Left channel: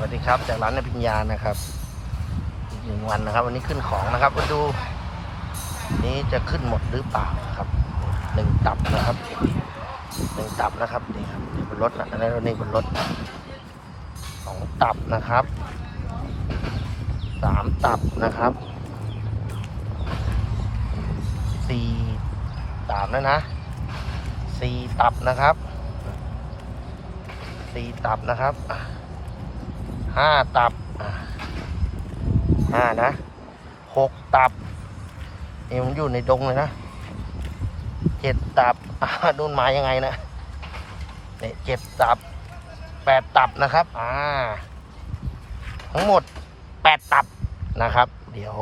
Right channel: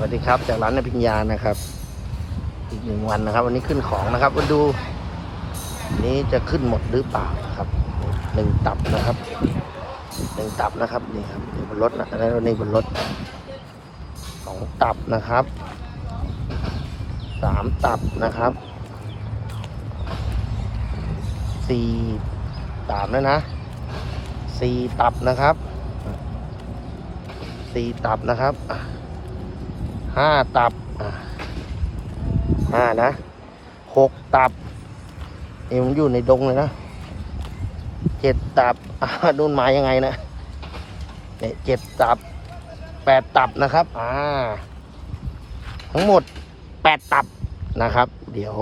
วัสดีครับ จากร้านนพิญญานะครับอีกหนึ่งวันนะครับ วันนี้ขึ้นของนะครับมาดูนี้จะขึ้นหมดหรือเปล่านะครับหนึ่งตับนะครับหนึ่งตับนะครับนี่ครับบนรถนะแล้วนี่บนรถสองตับนะครับสามตับนะครับสี่สามแล้วนะสี่ตับนะครับสี่ตับนะครับ ห้าตับอะห้านะหกตับนี่มันอยู่ในดงเลยนะเจ็ดตับอะนู่นมายังไงนะเนี่ยเจ็ดตับแปดตับนะครับ อ่า ทั้งหมดแปดตับนะครับ เดี๋ยว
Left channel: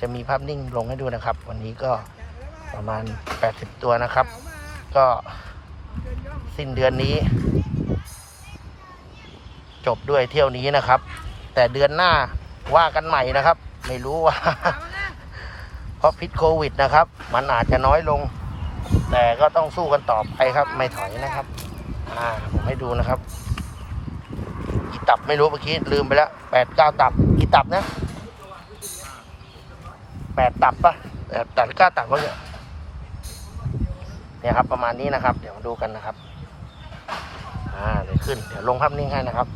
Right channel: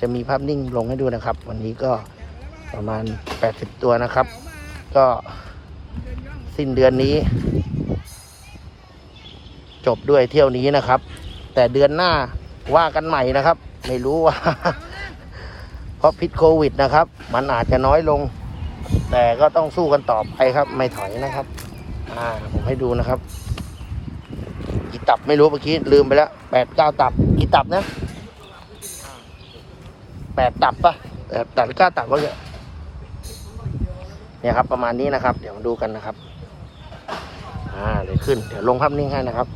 จะมีภาพนิ่งลงให้ดูนะครับ วันนี้ก็ประมาณแปดสิบตัวนะครับ ก็สิ้นเดือนนี้ จบด้วยเที่ยวนี้นะครับ แต่เดือนหน้าว่ากันใหม่นะครับ ไม่รู้ว่า เพราะพิษโควิดนะครับ มันอาจจะน้อยลง แต่ก็ต้องสู้กันต่อไปครับ ไม่ถอยนะครับอ่าให้ดูนะครับกี่ตับไม่รู้เมื่อกี้ลืมไปแล้วแปดเก้าตับกี่ตับนะแปดตับปะแปดตับเก้าตับวะเนี่ยเนี่ยครับ ประมาณนี้นะครับ เดี๋ยวดูกันนะครับ อ่าเดี๋ยวขึ้นเดี๋ยวลงภาพนิ่งให้นะครับ